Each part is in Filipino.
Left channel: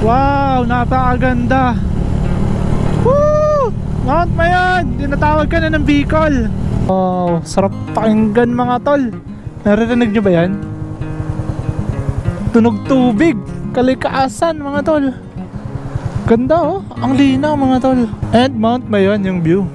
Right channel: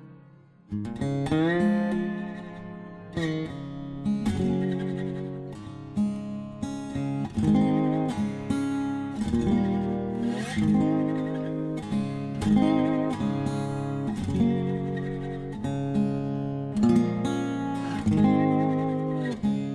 Wow, napakaganda. Woo! Mount Mayon, tinatawag ka na ng Bicol. Wow, sarap pakinggan mga tol. Naririnig nyo ba yan? Tunog tubig, kalikaasan mga tol. Ganda oh, ang linaw mga tol. At Mount Mayon yung view.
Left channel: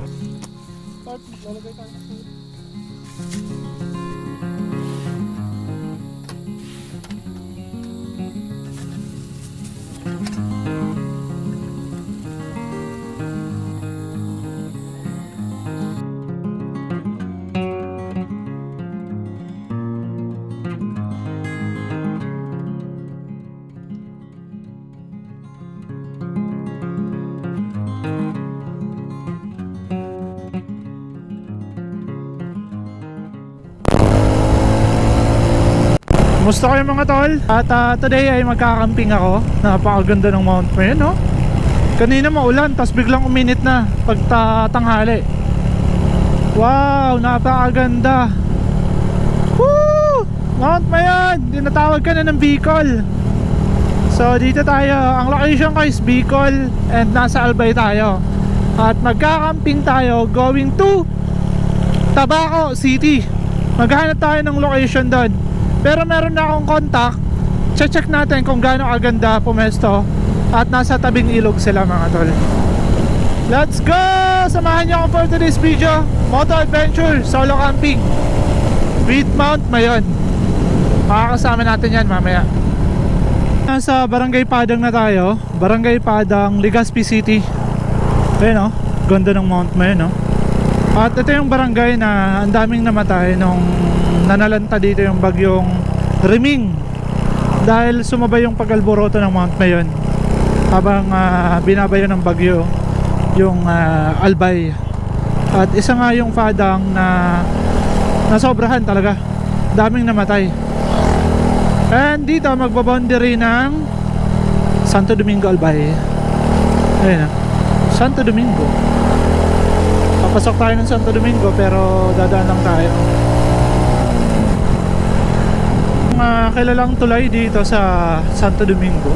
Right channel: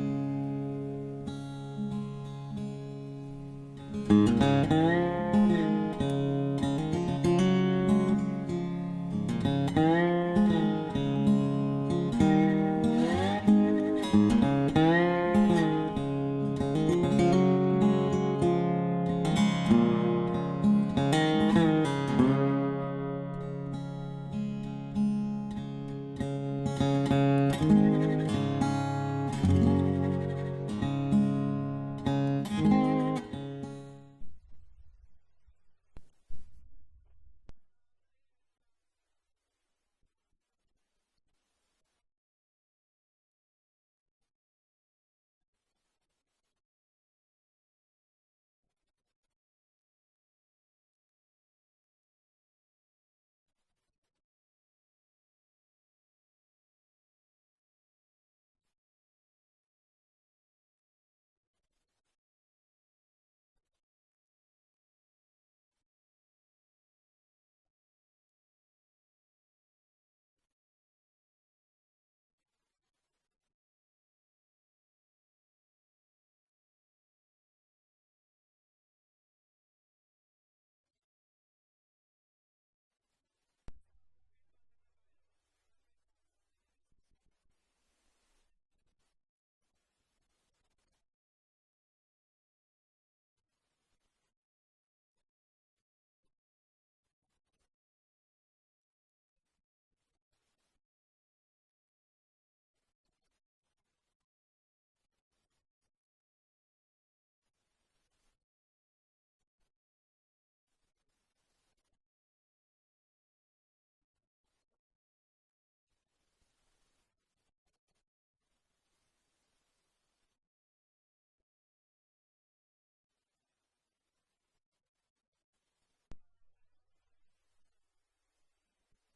Kumusta kayo mga tol? At today ay magkakamping ako. Napakaganda ng Mount Mayon, no? Kanina maulan, tapos biglang uminit na pagtatanghali. Wow, napakaganda. Woo! Mount Mayon, tinatawag ka na ng Bicol. So dito tayo, ang location ko is Bicol and nasa Albay tayo. At magkakamping tayo going to Tabaco City. Maghahanap tayo ng location doon. Pero meron na akong contact. Check natin kung gaano kaganda pumesto. At nasa tabing ilog sila mga tol. Let's go! Samahan niyo ako for today's video. Moto adventure, solo camping with Mount Mayon. Makakasama natin yan mamaya. Nasa Barangay Padang na tayo. Barangay Padang, Legazpi City. Ayun o, ganda ng Mount Mayon, no? At ito yung barangay na ang daming namatay nung nanalanta dito yung bagyong Riming, dahil sumabay yung pag-alboroto ng Mount Mayon habang binabayo ng bagyo yung Albay. At isa nga yung Padang na nasobrahan talaga, daming namatay. And dito magbaboundary ng Santo Domingo Albay. Ayun na, Santo Domingo. Papasok tayo ng Santo Domingo pero dadaan lang tayo. Kilalang tulay dito sa Santo Domingo.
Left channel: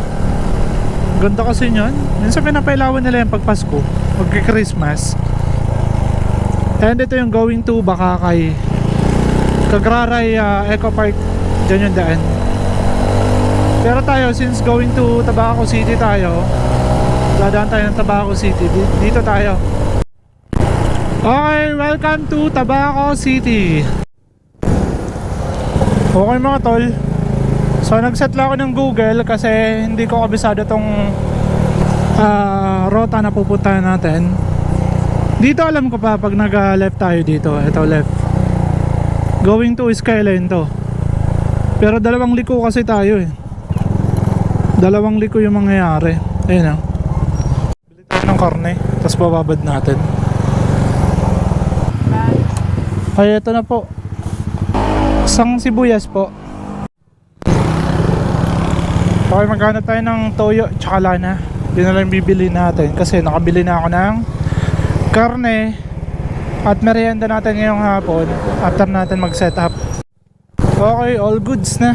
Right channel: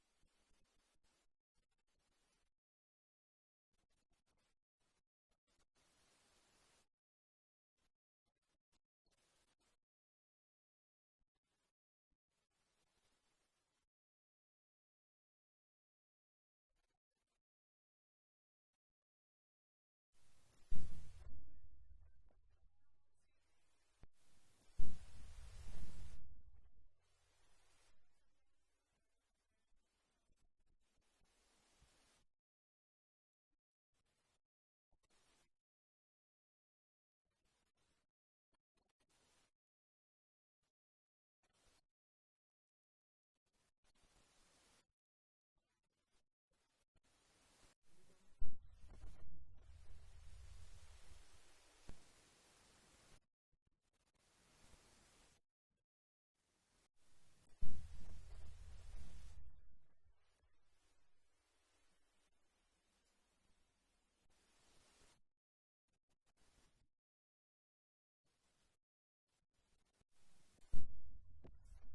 Ganda kasi nyan. Minsan pinapailawan nila yung pagpasko, magki-Christmas. And ito yung going to Bakakay, Kagraray Eco Park. Diyan yung daan. Pero tayo, since going to Tabaco City tayo, dadaan tayo ng Tabaco City. Dito tayo. Okay, welcome to Tabaco City. Okay mga tol, so nagset lang ako ng Google kasi hindi ko kabisado tong rota na pupuntahan natin. Dito alam ko pa pag nag-left tayo dito. Ito left, going to Skyline to. Pero dalawang liko kasi tayo eh. Dalawang liko yung mangyayari. Ayun o, bili tayo ng karne, tapos bababad natin. Ay ito na po, isang sibuyas po. Okay, maghanap tayo ng toyo tsaka lana. Yun na lang bibili natin kasi nakabili na ako ng karne at merienda natin ngayong hapon after natin mag set up. Okay, all goods na.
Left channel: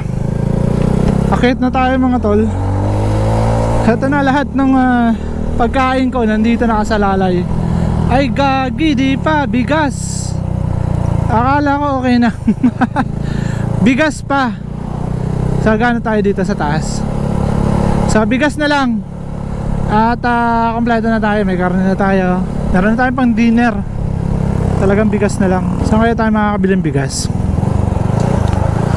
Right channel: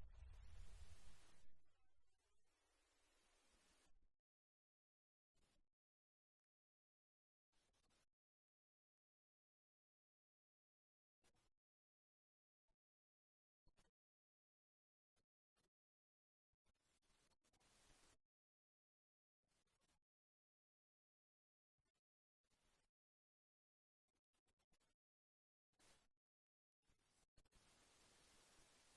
Akit na tayo mga tol. Ito na lahat ng pagkain ko nandito nakasalalay. Ay gagi, di pa, bigas. Akala ko okay na. Bigas pa. So gano'n tayo dito sa taas. So bigas na lang. At kompleto na tayo. May karne na tayo. Meron na tayo pang dinner. Talagang bigas na lang. Saan kaya tayo makakabiling bigas?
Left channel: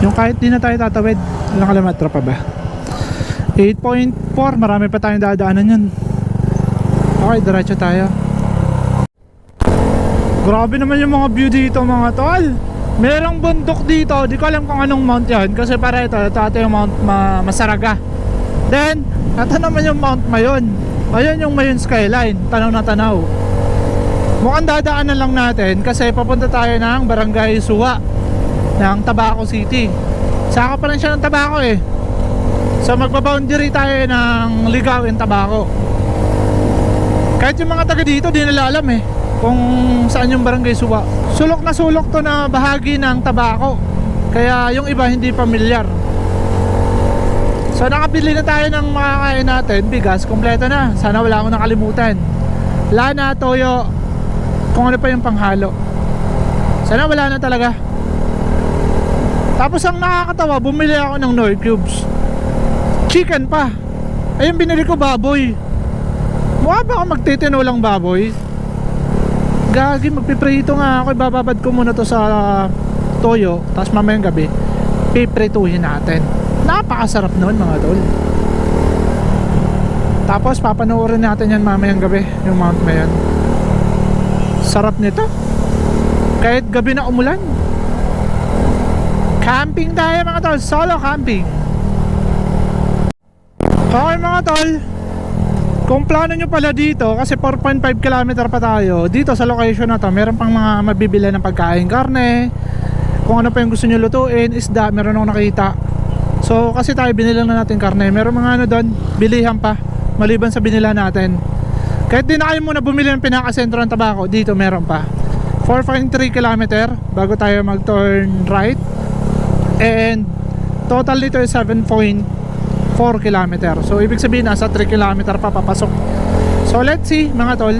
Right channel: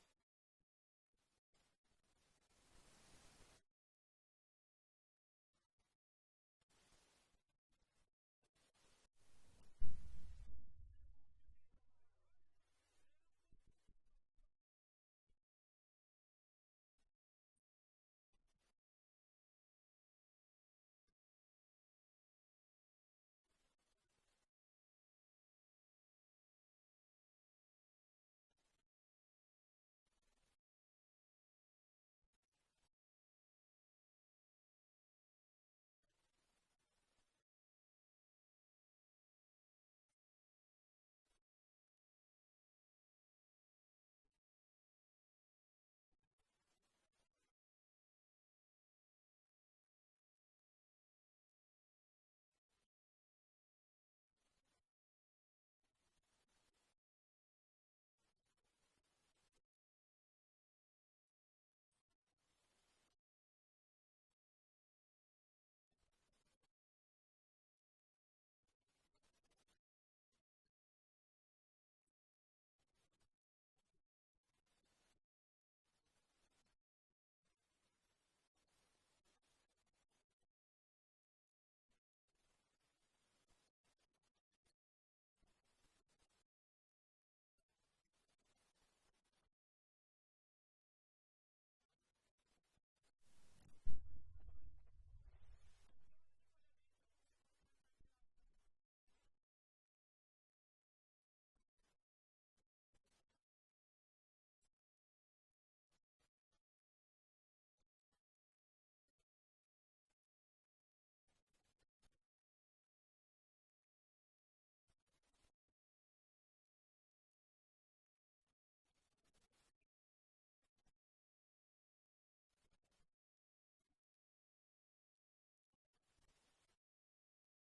Yung kahit di na tayo tatawid. Ilang kilometro pa ba? 8.4. Marami pa tayong dadaanan yun. Okay, diretso tayo. Grabe naman yung mga view dito mga tol. Merong bundok dito. Di ko alam kung anong mount yan. Kasi para ito yung Mount Masaraga. Then ito naman yung Mount Mayon. Ayun yung Mayon Skyline. Tanaw na tanaw. Mukhang dadaanan lang natin kasi papunta tayo ng Barangay Suwa ng Tabaco City. Saka pa lang siya ng Tabaco eh. So magbaboundary tayo ng Ligao and Tabaco. Kahit yung mga taga dito di nila alam eh kung saan yung Barangay Suwa. Sulok na sulok to na bahagi ng Tabaco, kaya yung iba hindi pamilyar. So nakabili na tayo ng makakain natin. Bigas, kompleto na. Sana wala akong nakalimutan. Lana, toyo, kung ano pa yung panghalo. Sana wala na talaga. Tapos ang nakakatawa, bumili ako ng Knorr cubes. Chicken pa. Ayun, binili ko baboy. Mukha ba ako magtitinulang baboy? Gagi, magpiprito nga ako. Ibababad ko muna to sa toyo. Tapos mamayang gabi piprituhin natin. Napakasarap nun mga tol. Tapos papanoorin natin yan mamayang gabi, yung Mount Mayon. Sarap nito. Kahit gabi na umulan. Camping tayo mga tol. Solo camping. Okay mga tol, kung plano nyo pala dito, kasi 4.5 km pa tayo dito sa location na to, meron pang mga mabibili ng pagkain, karne, kung ano pa yung gusto nyo lutuin, isda, meron akong nakita. So kasi tayo binila na natin karne, meron mga ano doon, bilihan pa maliban sa binila natin. Kahit di na kayo muna bumili ng pinakasentro ng Tabaco, dito meron pa 4.3 km bago tayo mag turn right. And total dito is 7.4 km. So ibig sabihin nasa 3 km pa papasok. So let's see mga tol.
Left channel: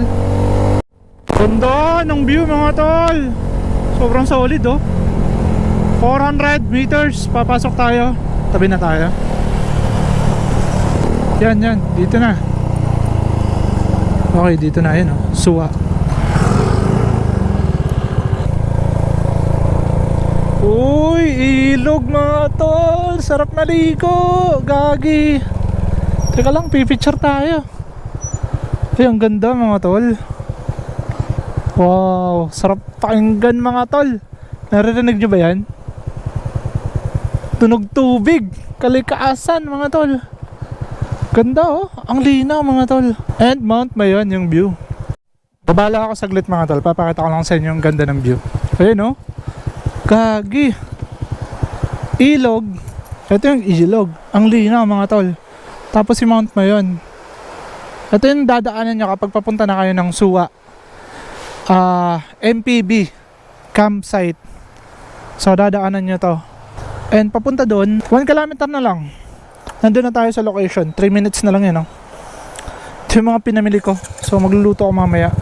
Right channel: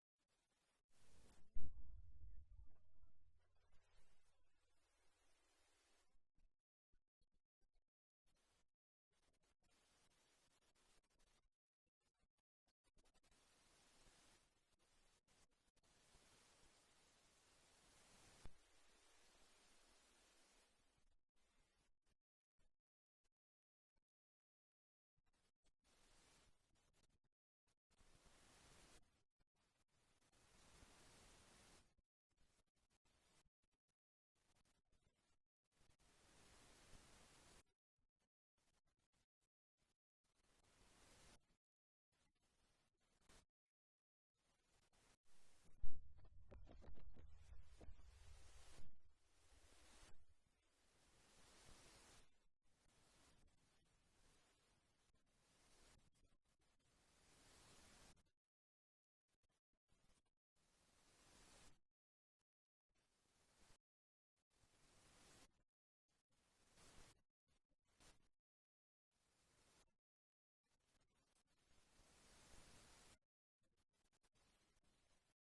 Ganda ng view mga tol. Sobrang solid oh. 400 meters papasok tayo. Tabi na tayo. Yan, dito na. Okay, dito na yun oh. Suwa. Uy, ilog mga tol. Sarap maligo. Gagi. Teka lang, pipicture tayo. Ay, ang ganda mga tol. Wow, sarap pakinggan mga tol. Naririnig nyo ba yan? Tunog tubig, kalikaasan mga tol. Ganda oh, ang linaw mga tol. And Mount Mayon yung view. Babala ako saglit mga tol. Papakita ko lang sa inyo yung ganda ng view. Ayun oh. Gagi. Ilog. Ito yung ilog. Ang linaw mga tol. Tapos si Mount Mayon. Ito yung dadaanan nyo kapag papunta na kayo ng Suwa. MPB campsite. So dadaanan nyo to. And papunta doon 1 kilometer na lang. Nandun na tayo sa location. 3 minutes na lang yun, no? Ito yung mga pinamili ko. So magluluto ako mamaya.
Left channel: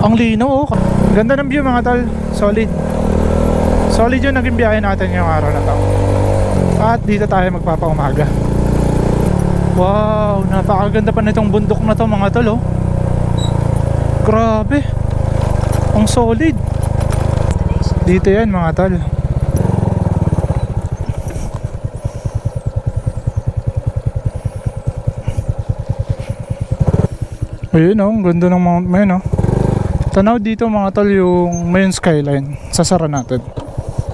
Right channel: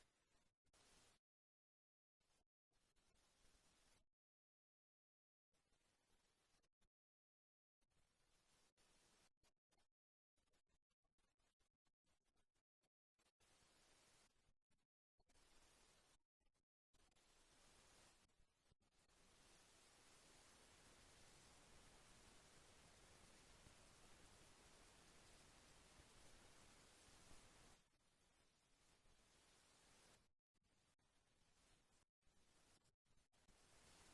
Ang linaw oh. Ganda ng view mga tol. Solid. Solid yung naging biyahe natin yung araw na to. At dito tayo magpapaumaga. Wow, napakaganda pa nitong bundok na to mga tol oh. Grabe. Ang solid. Dito yan mga tol. Ayun oh, ang ganda ng Mount Mayon oh. Tanaw dito mga tol yung Mayon skyline. Sasara natin.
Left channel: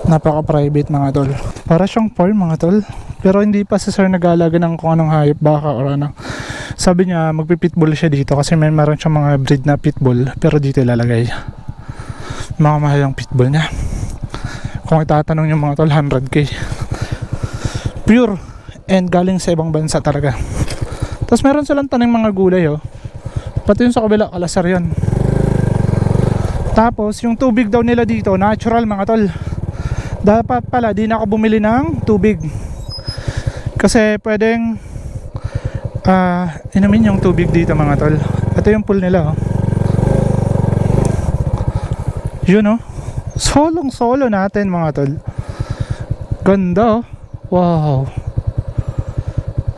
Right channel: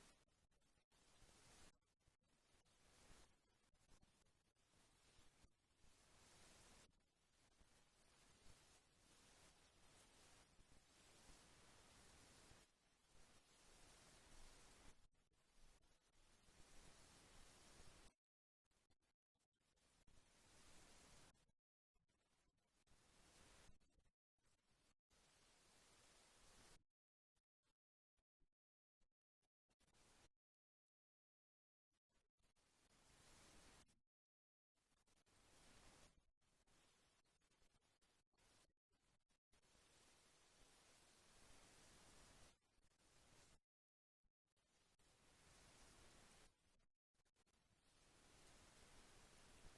Napaka-private mga tol. Para siyang farm mga tol. Pero hindi pa si sir nag-aalaga ng kung anong hayop, baka or ano. Sabi niya magpipitbull siya dito kasi meron siyang mga breed na pitbull. Pero dito ilalagay. Mga mahal yung pitbull niya. Kung itatanong yung mga tol, 100k. Pure. And galing sa ibang bansa talaga. Tapos meron silang taning mga gulay oh. Pati yung sa kabila, kalasar yun. Tapos yung tubig daw nila dito, natural mga tol. Dapat pala di na ako bumili ng tubig. Kasi pwedeng inumin yung tubig dito mga tol. Ito yung pool nila oh. Yun oh. Solong solo natin mga tol. Ganda oh. Wow.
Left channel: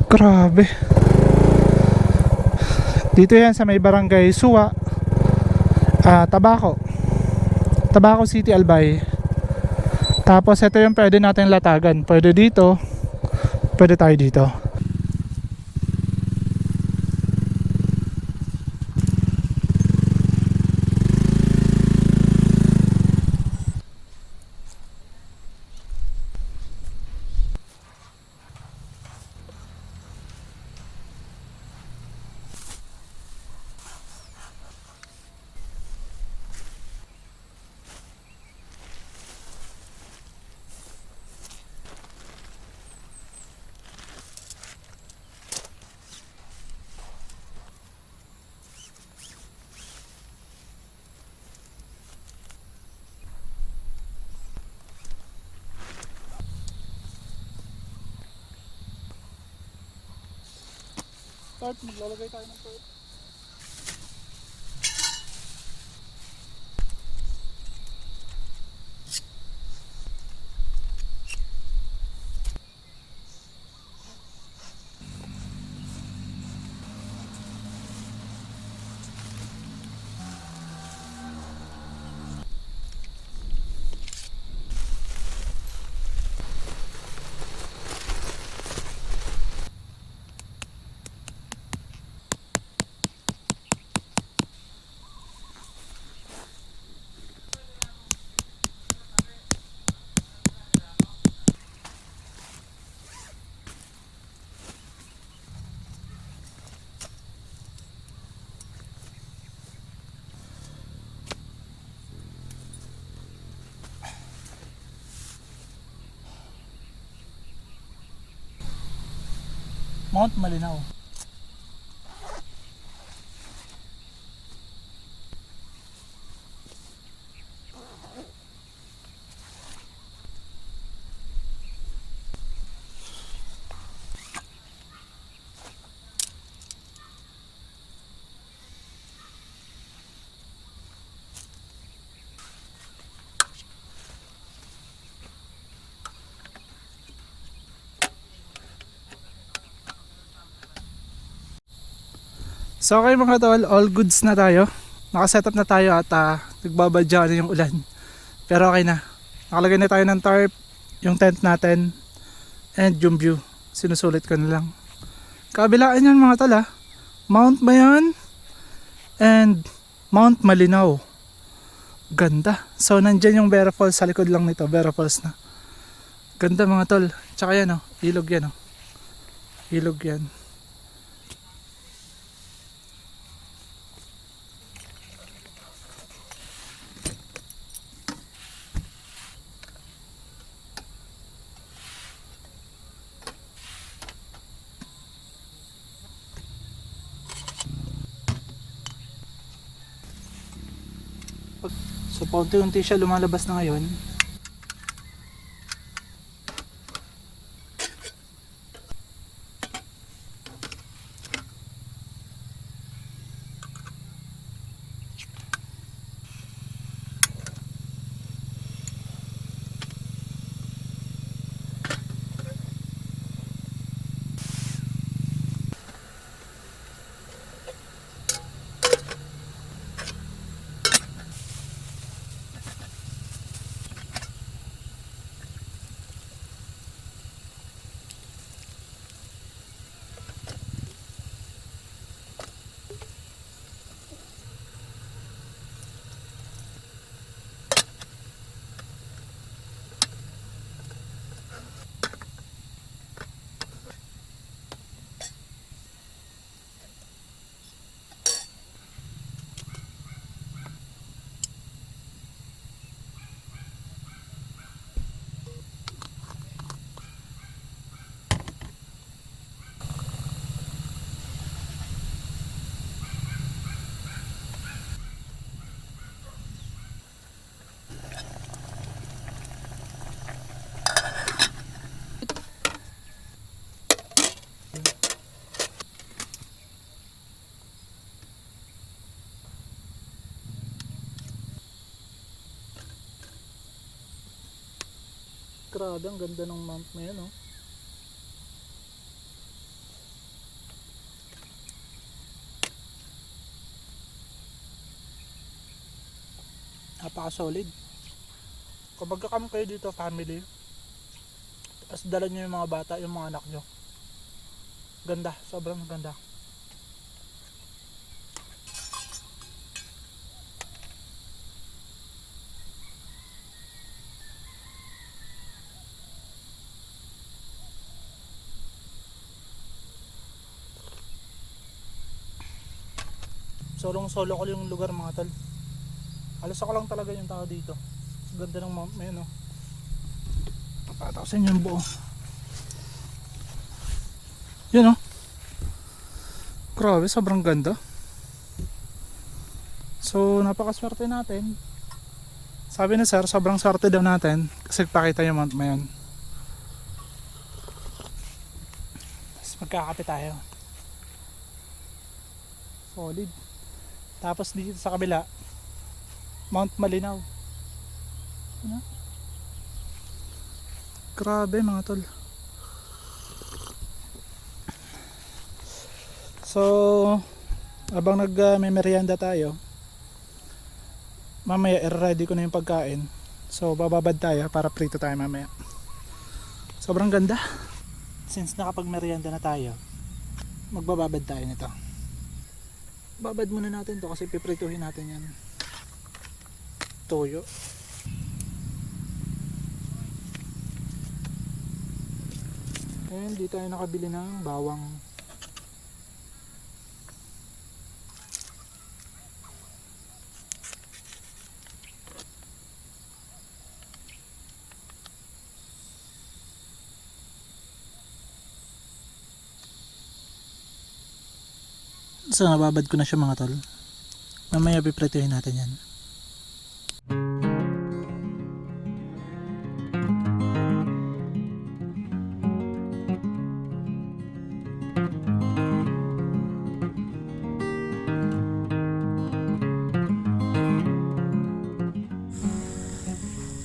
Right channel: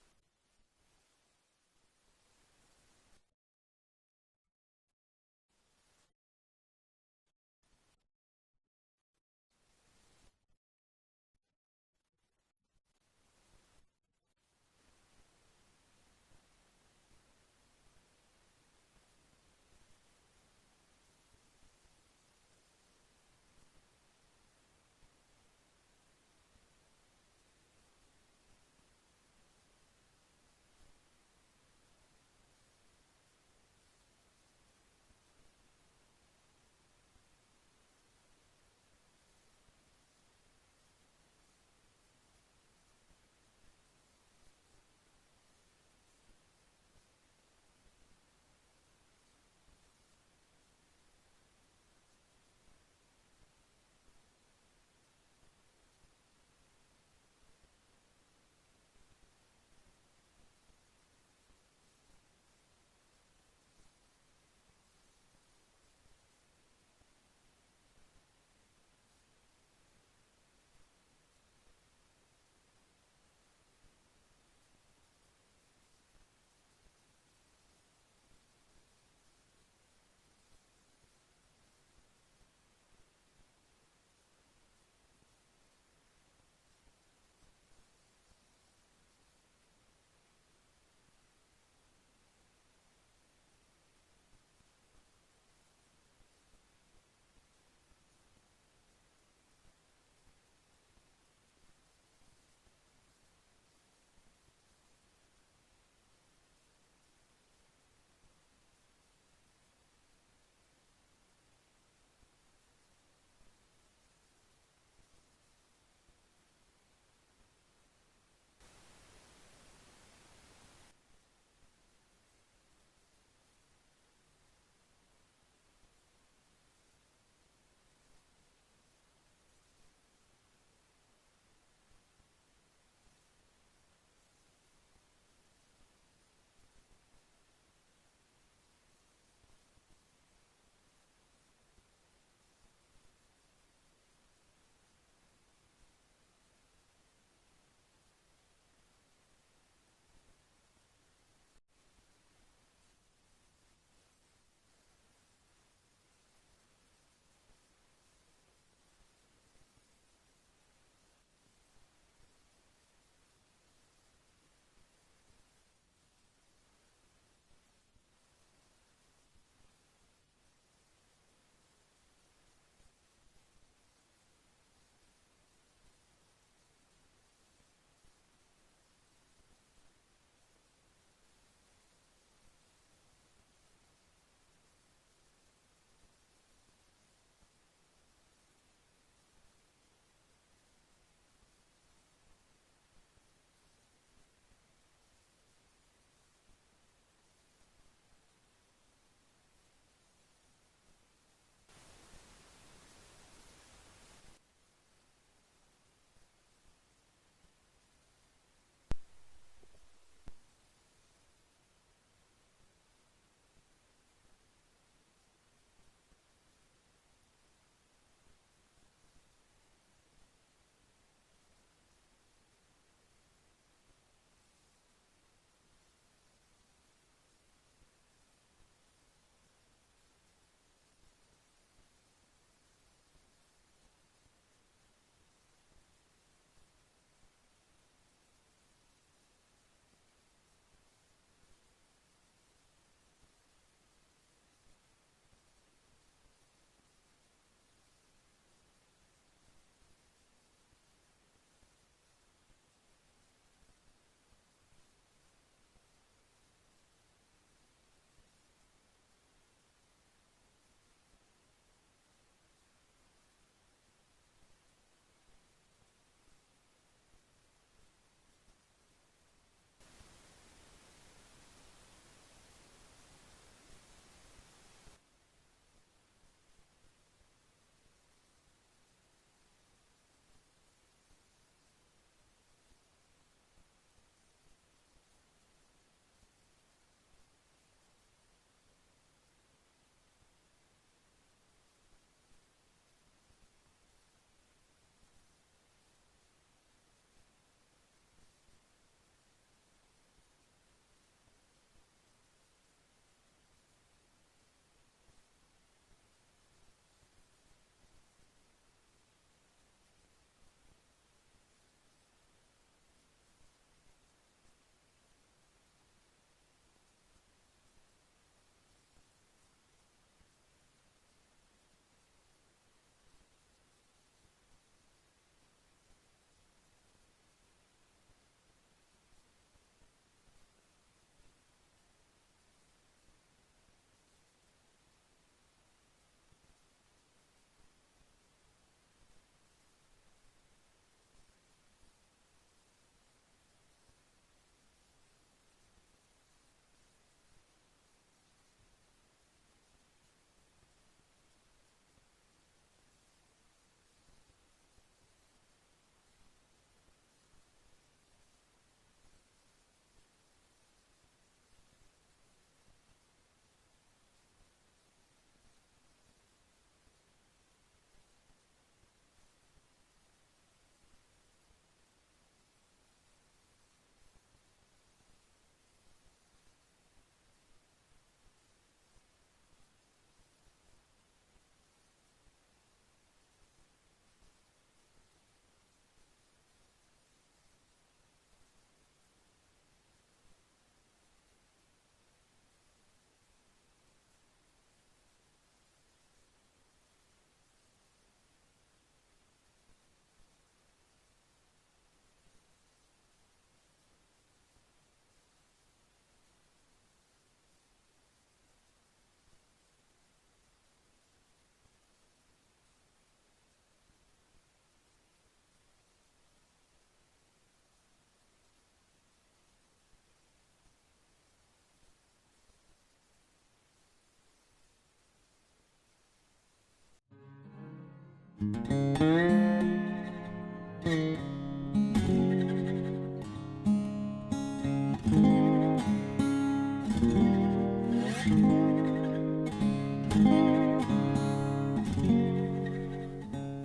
Grabe. Dito yan sa may barangay Suwa, Tabaco City, Albay. Tapos ito yung pwede natin latagan. Pwede dito, pwede tayo dito. Start, maglalagay tayo ng start. Mount Malinaw. So okay mga tol, all goods na tayo. Nakasetup na tayo at nagbabadya na yung ulan. Pero okay na. Nakalagay na tayo ng tarp, yung tent natin, and yung view. Sinusulit ko na lang. Kabilaan yan mga tol Mount Mayon and Mount Malinaw. Ganda. So nandyan yung Vera Falls sa likod lang nito. Vera Falls na. Ganda mga tol. Tsaka yan ilog yan Ilog yan. So paunti-unti siya lumalabas na ngayon. Grabe, ang ganda ng mount na yan Napaka solid. Kung magka-camp kayo dito family, tapos dala nyo yung mga bata, yung mga anak nyo, ganda, sobrang ganda. Solo ko yung lugar mga tol. Alas ako lang talaga yung tao dito. Ganda ng mount na yun Papataw sa inyo yung buo. Yun Grabe, sobrang ganda. So napakaswerte natin. Sabi ni sir, sobrang swerte daw natin kasi pakita yung mount na yun. Tapos magkakape tayo. solid. Tapos dito sa kabila, Mount Malinaw. Ano? Grabe mga tol. So habang may merienda tayo, mamaya i-ready ko na yung pagkain. So bababad tayo para prito tayo mamaya. Sobrang ganda. Since nakapag merienda na tayo, magbababad tayo nito. Babad muna natin to kasi piprituhin natin yan. Toyo. And dito tayo nakabili ng bawang. So nababad ko na siya mga tol. Mamaya piprituhin natin yan.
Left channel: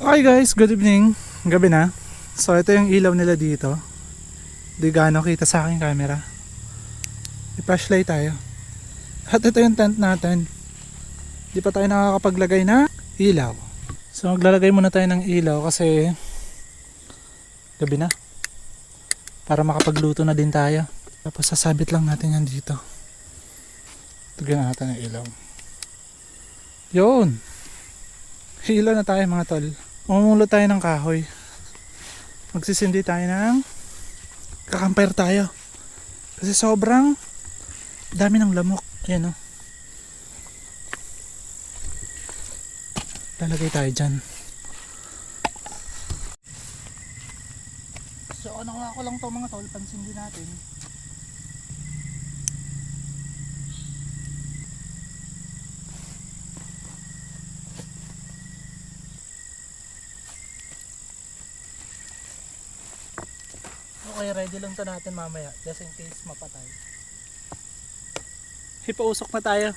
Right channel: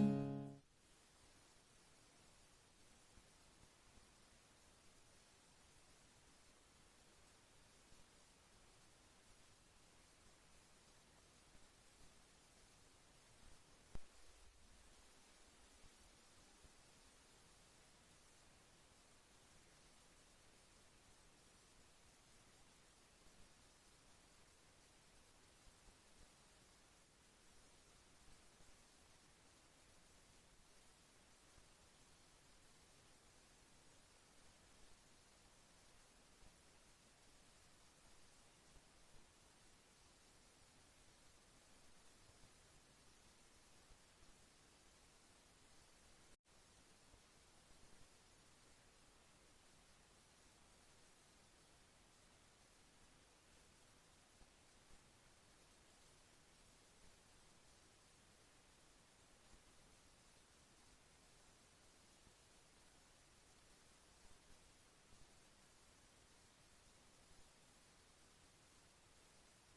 Okay guys, good evening. Gabi na. So ito yung ilaw nila dito. Di gaano kita sa aking camera. I-flashlight tayo. At ito yung tent natin. Di pa tayo nakakapaglagay na ilaw. So maglalagay muna tayo ng ilaw kasi gabi na. Para makapagluto na din tayo. Tapos sasabit lang natin yan dito. Tugyan natin ang ilaw. Yun. Ilaw na tayo mga tol. Mamumulo tayo ng kahoy. Magsisindi tayo ng kakampire tayo. Kasi sobrang dami ng lamok. Ayan o. Lalagay tayo dyan. So nakuha ko lang to mga tol. Pansindi natin. Okay, ready lang to natin mamaya just in case mapatay. Ipausok na tayo.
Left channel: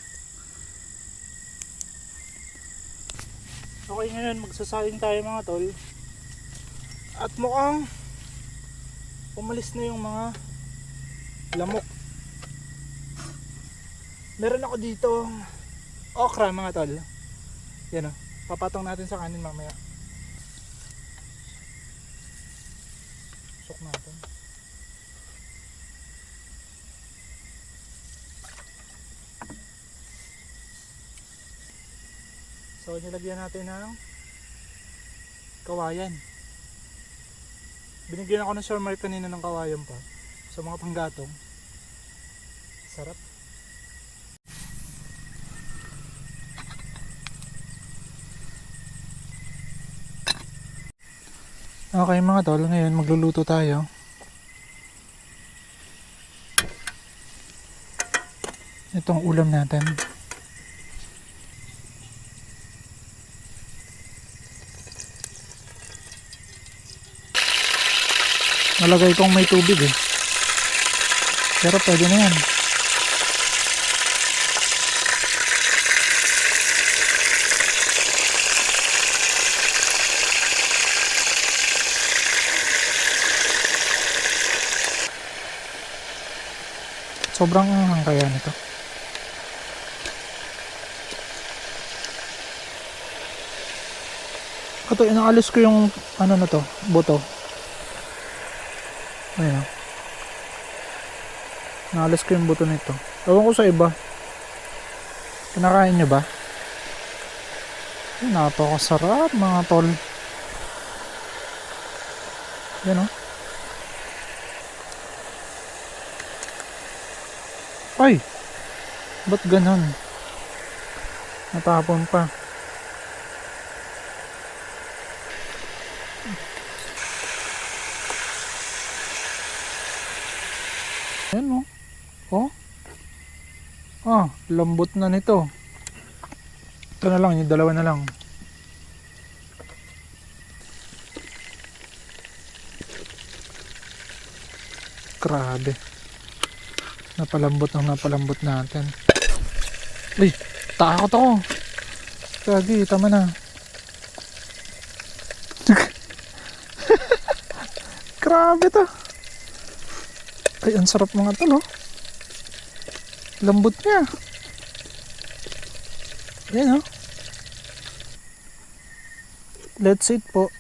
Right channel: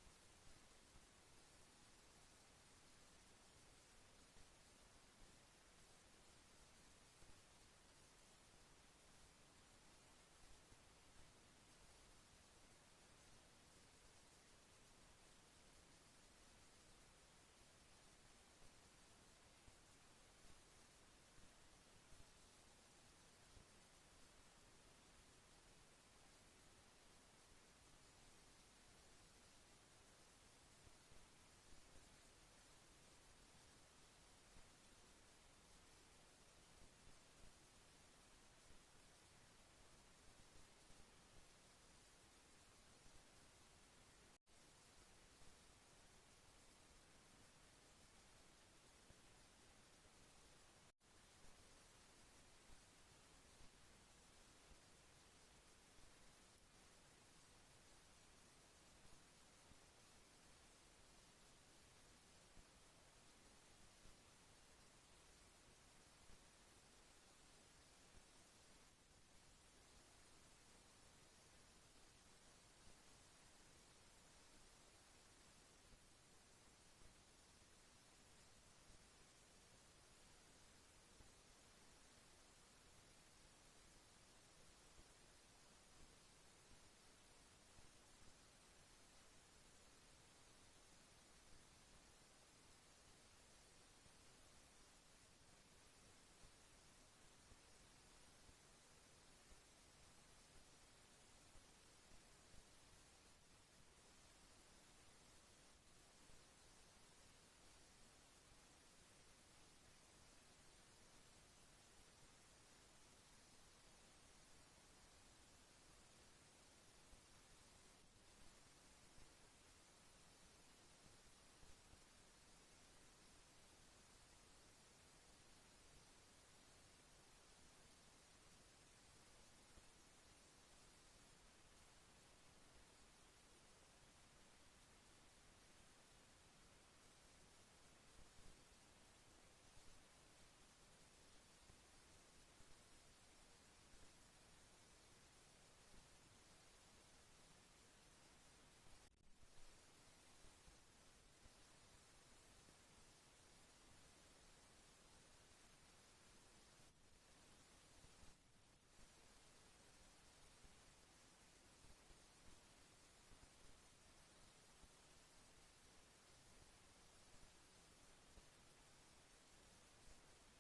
Okay, ngayon magsasayang tayo mga tol. At mukhang umalis na yung mga lamok. Meron ako dito okra mga tol. Yan o, papatong natin sa kanin mamaya. Usok natin. So nilagyan natin ng kawayan. Binigyan ako ng Sir Mark kanina ng kawayan pa. Sa mga panggatong. Sarap. Okay mga tol, ngayon magluluto tayo. Itong ulam natin. Nalagay kong may tubig eh. Pero pwede na yan. Sobrang anghang kaya nito. Ito, inaalis ko yung ano na to, buto. Ayan. Naalis ko yung buto nito. Ewan ko sa iba. Kinakain nyo ba? Napakasarap mga tol. Yan o. Ay! Ba't ganon? Natapon pa. Ayan o. Oh. Ah, lambot na nito. Ito na lang, yung dalawa na lang. Grabe. Napalambot natin. Ay, takot ako. Kagi, tama na. Grabe to. Ay, ang sarap mga tol, oh. Lambot niya. Ayan, oh. Let's eat po.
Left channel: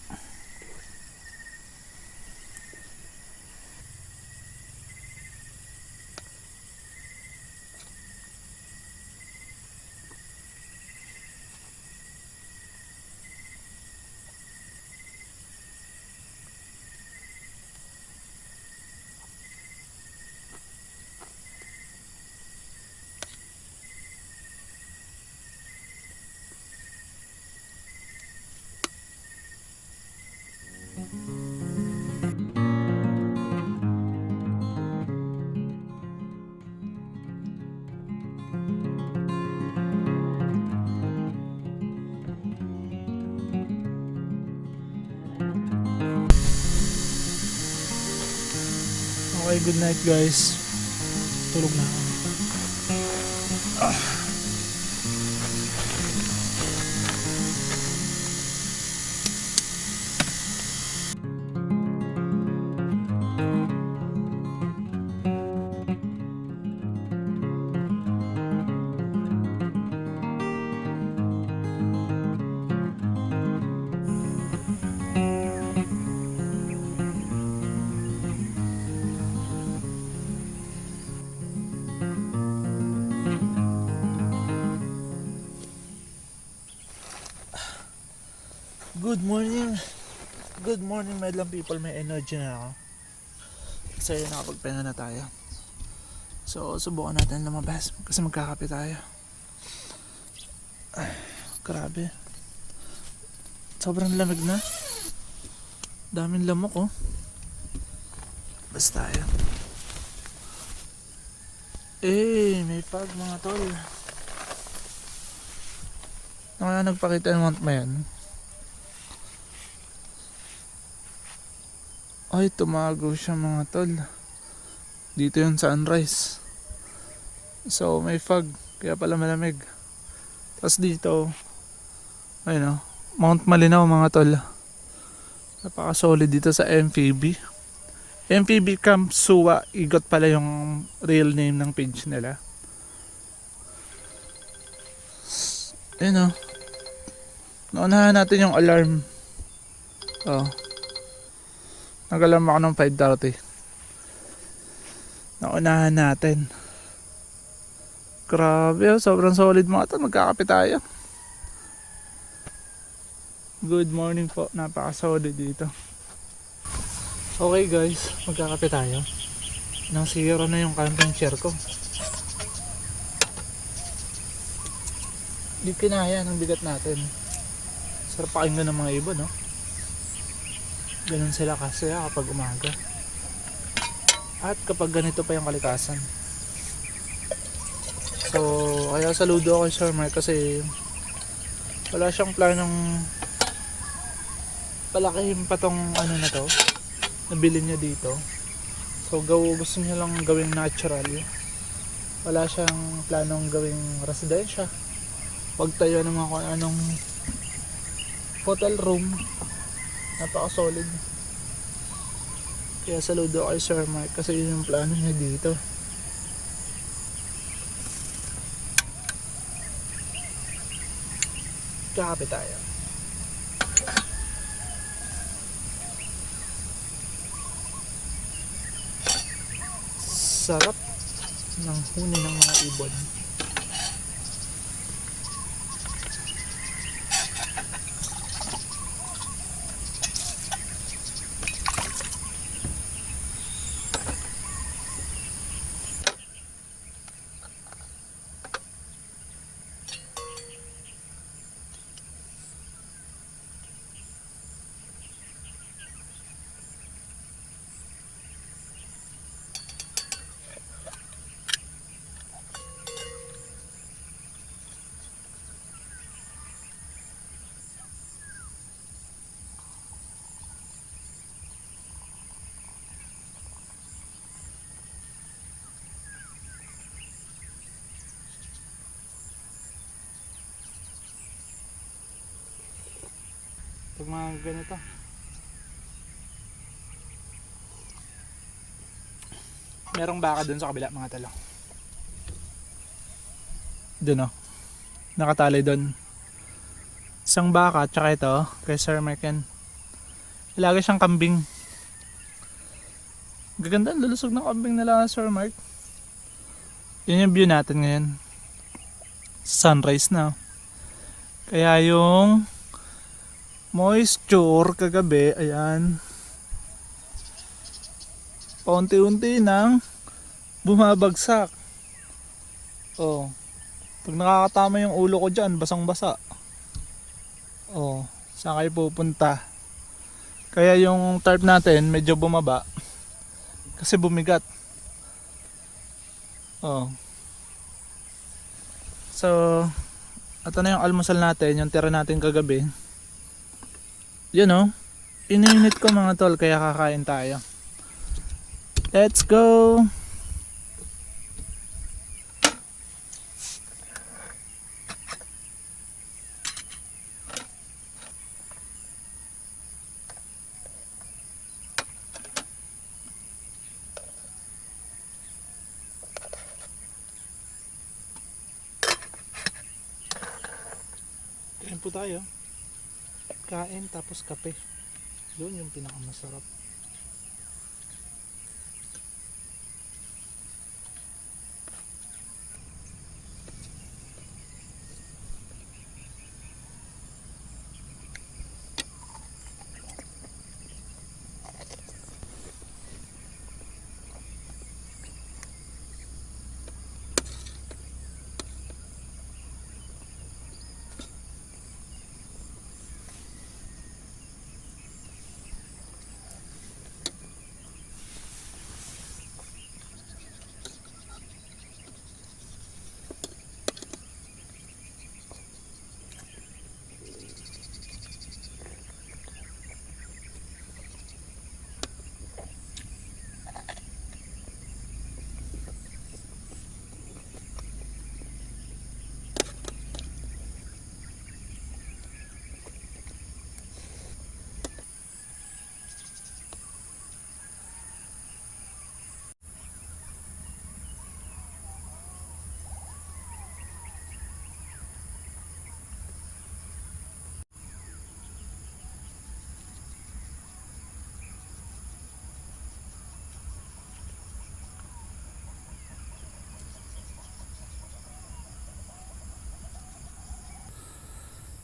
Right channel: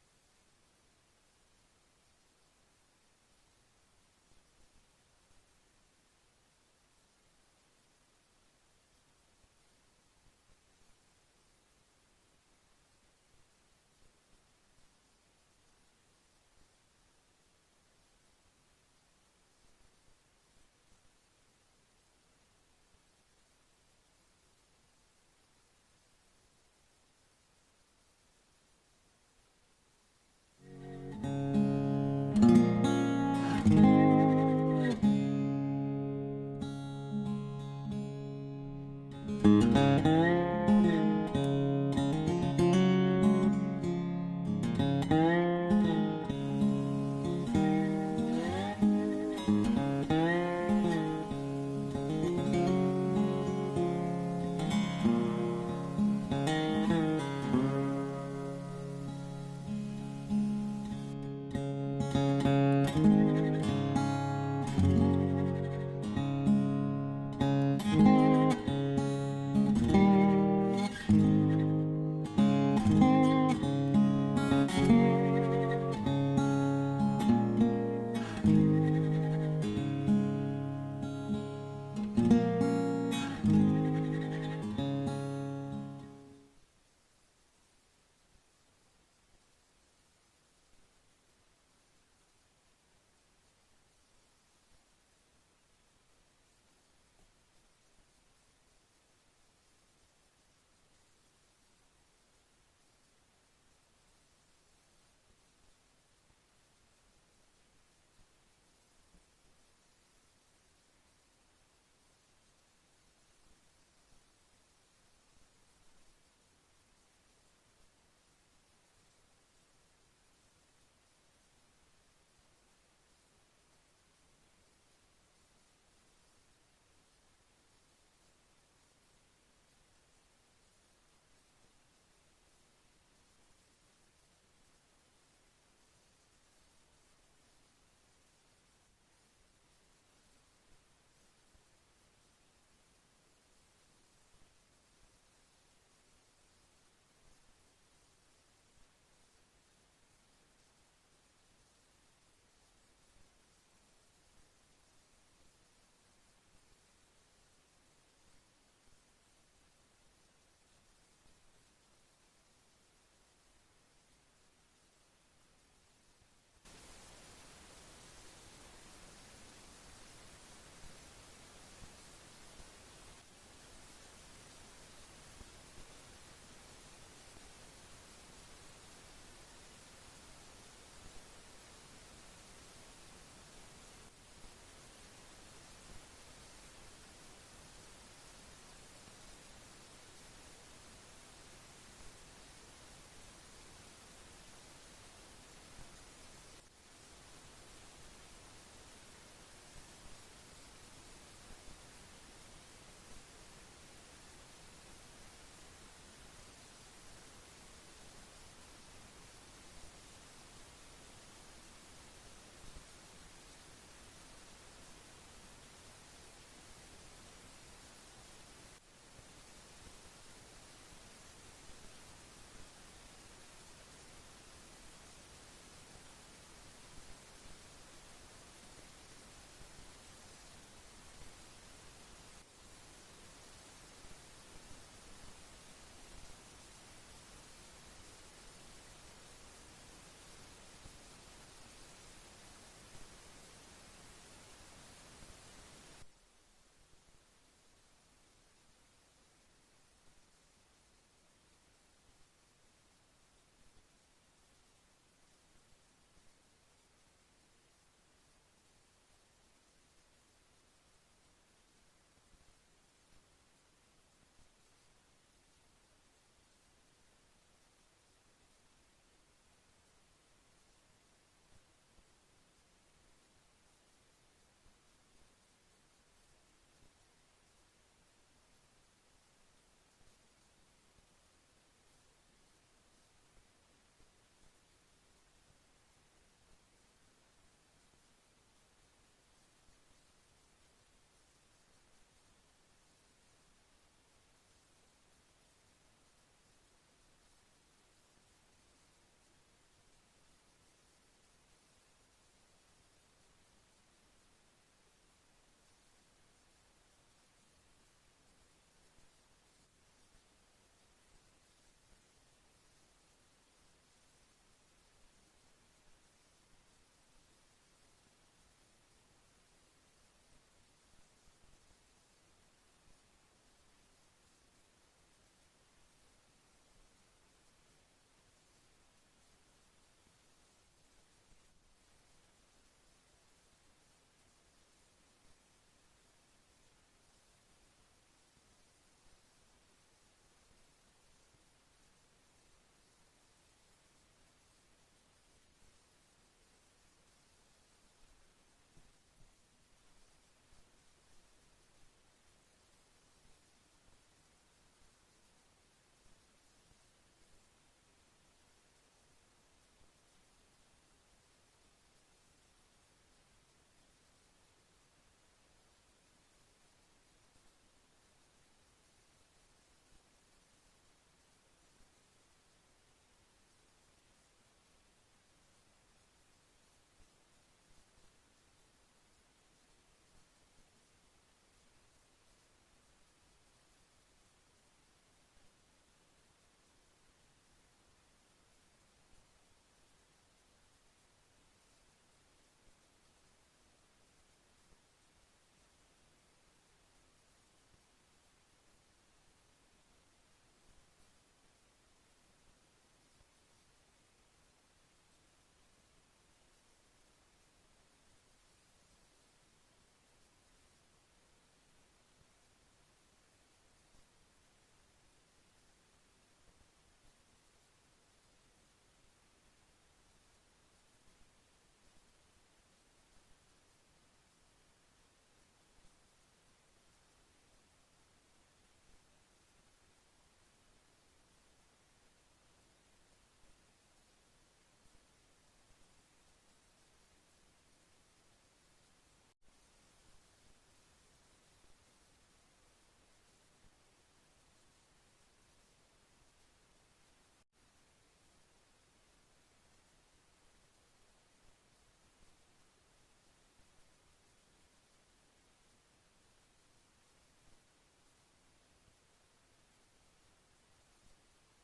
Okay, good night guys. Tulog na ako. Good morning. Good morning, madlang people. May energy na ako. Kasi nakapagpahinga na tayo. So, subukan natin lumabas. Kasi magkakape tayo. Ay, grabe. Sobrang lamig na. Daming lamok, oh. Basta tayo. Eh, may fog mga tol. Kaya nagpakita ng month mo yan. Ay, tumago siya mga tol. Dito yung sunrise. So, may fog. Kaya pala malamig. Tapos dito, ayun o, Mount Malinaw mga tol. Napaka-solid dito sa MPB. MPB Camp Suwa. Igot pala yung real name ng page nila. Ayun o. Naunahan natin yung alarm. Oh. Nag-alarm ako ng 5:30. Naunahan natin. Grabe, sobrang solid mga to. Magkakape tayo. Good morning po. Napaka-solid dito. Okay guys, magkakape tayo. Nang zero na yung camping chair ko. Di kinaya ng bigat natin. Sarap pakinggan ng mga iba, no? Ganun sila kasi kapag umaga. At kapag ganito pa yung kalikasan. So, kaya saludo ako kay Sir Mark kasi wala siyang planong palakihin pa tong ano na to. Nabili niya dito. So, gusto niya lang gawing natural. Wala siyang planong gawing residensya. Huwag tayo ng mga kung anong hotel room. Napaka-solid. Kaya saludo kay Sir Mark kasi yun yung plano niya dito. Kakape tayo. Sarap ng huni ng mga ibon. pag mga ganito. Merong baka dun sa kabila mga talo. Dun oh. Nakatali dun. Isang baka tsaka ito kay Sir Merken. Ilagay siyang kambing. Gaganda, lulusog ng kambing nila Sir Mark. Yun yung view natin ngayon. Sunrise na. Kaya yung moisture kagabi, ayan. Paunti-unti nang bumabagsak. Oh. Pag nakakatama yung ulo ko dyan, basang-basa. Oh, saan kayo pupunta? Kaya yung tarp natin medyo bumaba kasi bumigat. Oh. So, ito na yung almusal natin, yung tira natin kagabi. Yun oh. Ininit ko mga tol, kaya kakain tayo. Let's go! Kain po tayo. Kain tapos kape. Doon yung pinakamasarap.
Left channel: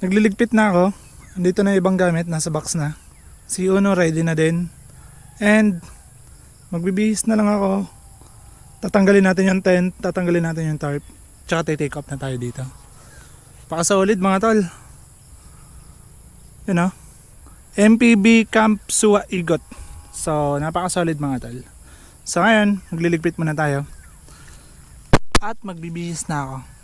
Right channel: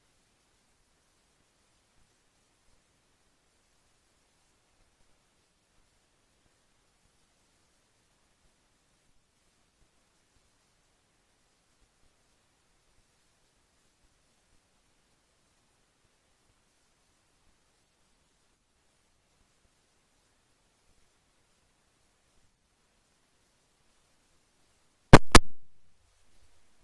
Nagliligpit na ako. Andito na yung ibang gamit, nasa box na. Si Uno ready na din. And magbibihis na lang ako. Tatanggalin natin yung tent, tatanggalin natin yung tarp. Tsaka take off na tayo dito. Pakasolid mga tol. Yun o. MPB Camp Suwa Igot. So napakasolid mga tol. So ngayon, magliligpit muna tayo. At magbibihis na ako.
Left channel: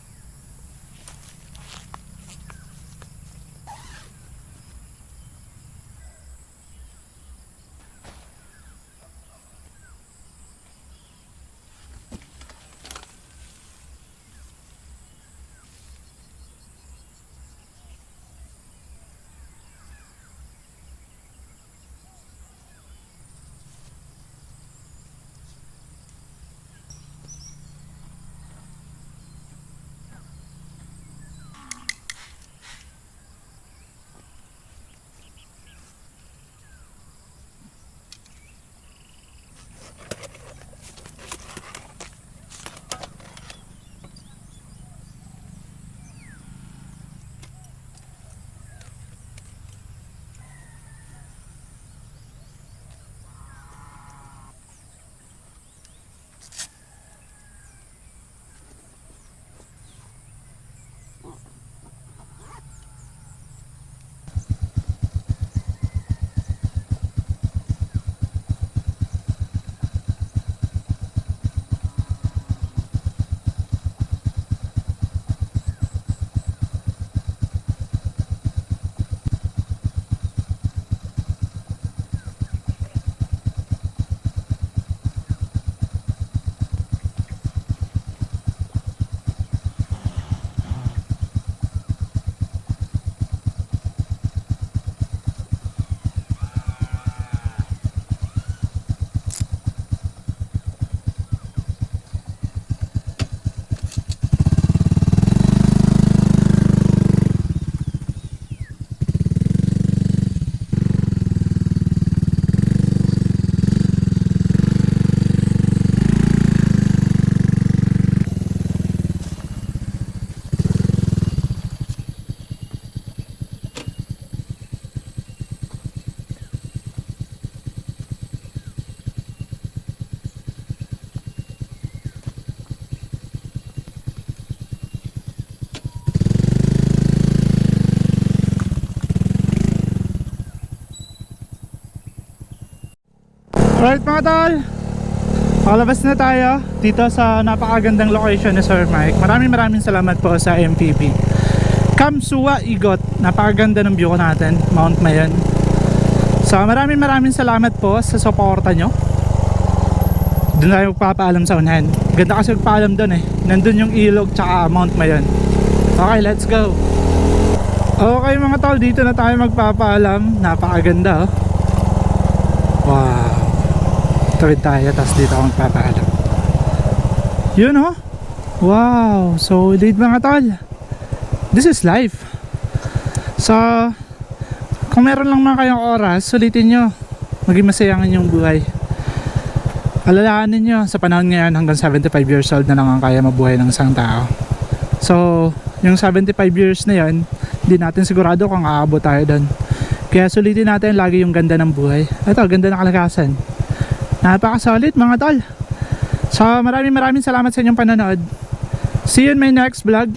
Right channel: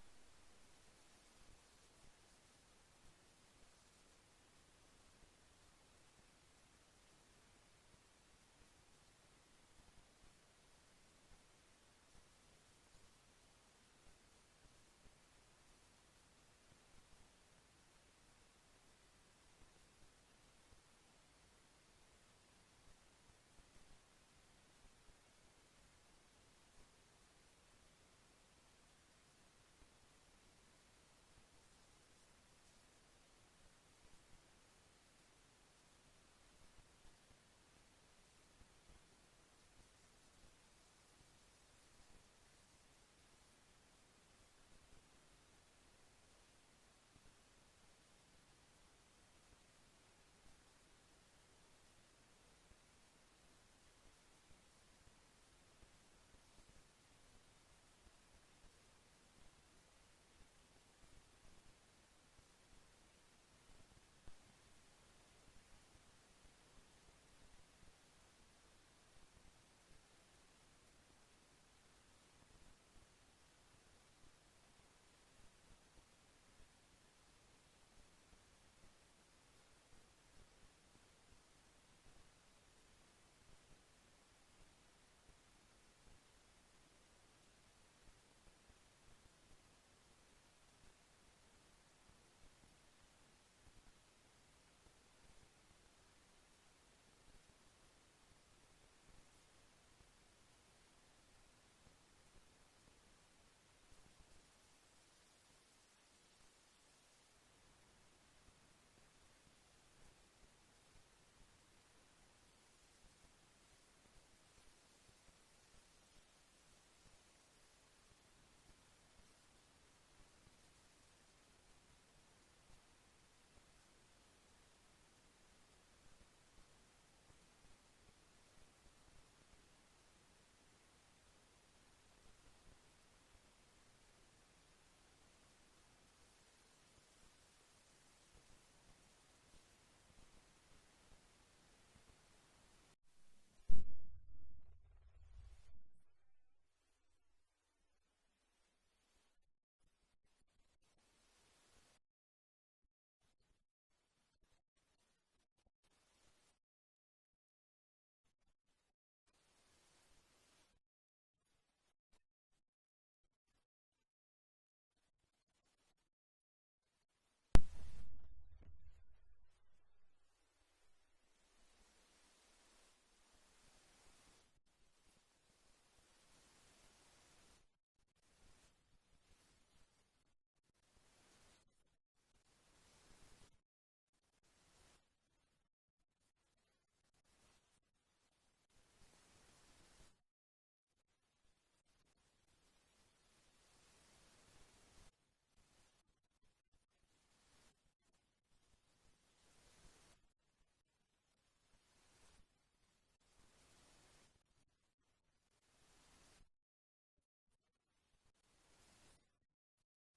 Alright mga tol, pakalabas na tayo dito sa napakagandang location ni Sir Mike. Maraming salamat po sa MPP Kamsuwa Igot. Napakaganda ng view ko natin, Mount Mayon. So maraming salamat po sa suporta nyo. Doon tayo magpapaalam sa unahan. Ganda kasi magpaalam doon eh. Nandun yung ilog tsaka Mount Mayon. Okay, let's go. Okay mga tol, dito na tayo magpapaalam. Napakaganda oh. Wow. Tawid tayo, tapos dito ako magpapaalam. Yun oh. Wow, solid mga tol. This is life. So kung meron lang mga kayong oras, sulitin nyo. Maging masayangan yung buhay. Alalahanin nyo, sa panahon ngayon hanggang 75 years old na lang ang kaya mabuhay ng isang tao. So yung 75 years na yun, hindi natin sigurado kung aabot tayo doon. Kaya sulitin natin lagi yung ganda ng buhay. Ito, ganda ng kalakasan. Napaka-solid mga tol. So maraming salamat sa inyong panonood. See you in my next vlog.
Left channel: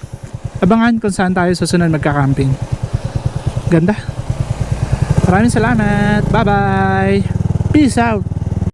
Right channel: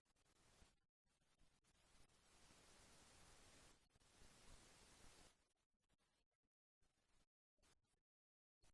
Abangan kung saan tayo susunod magka-camping. Ganda. Maraming salamat. Bye bye. Peace out.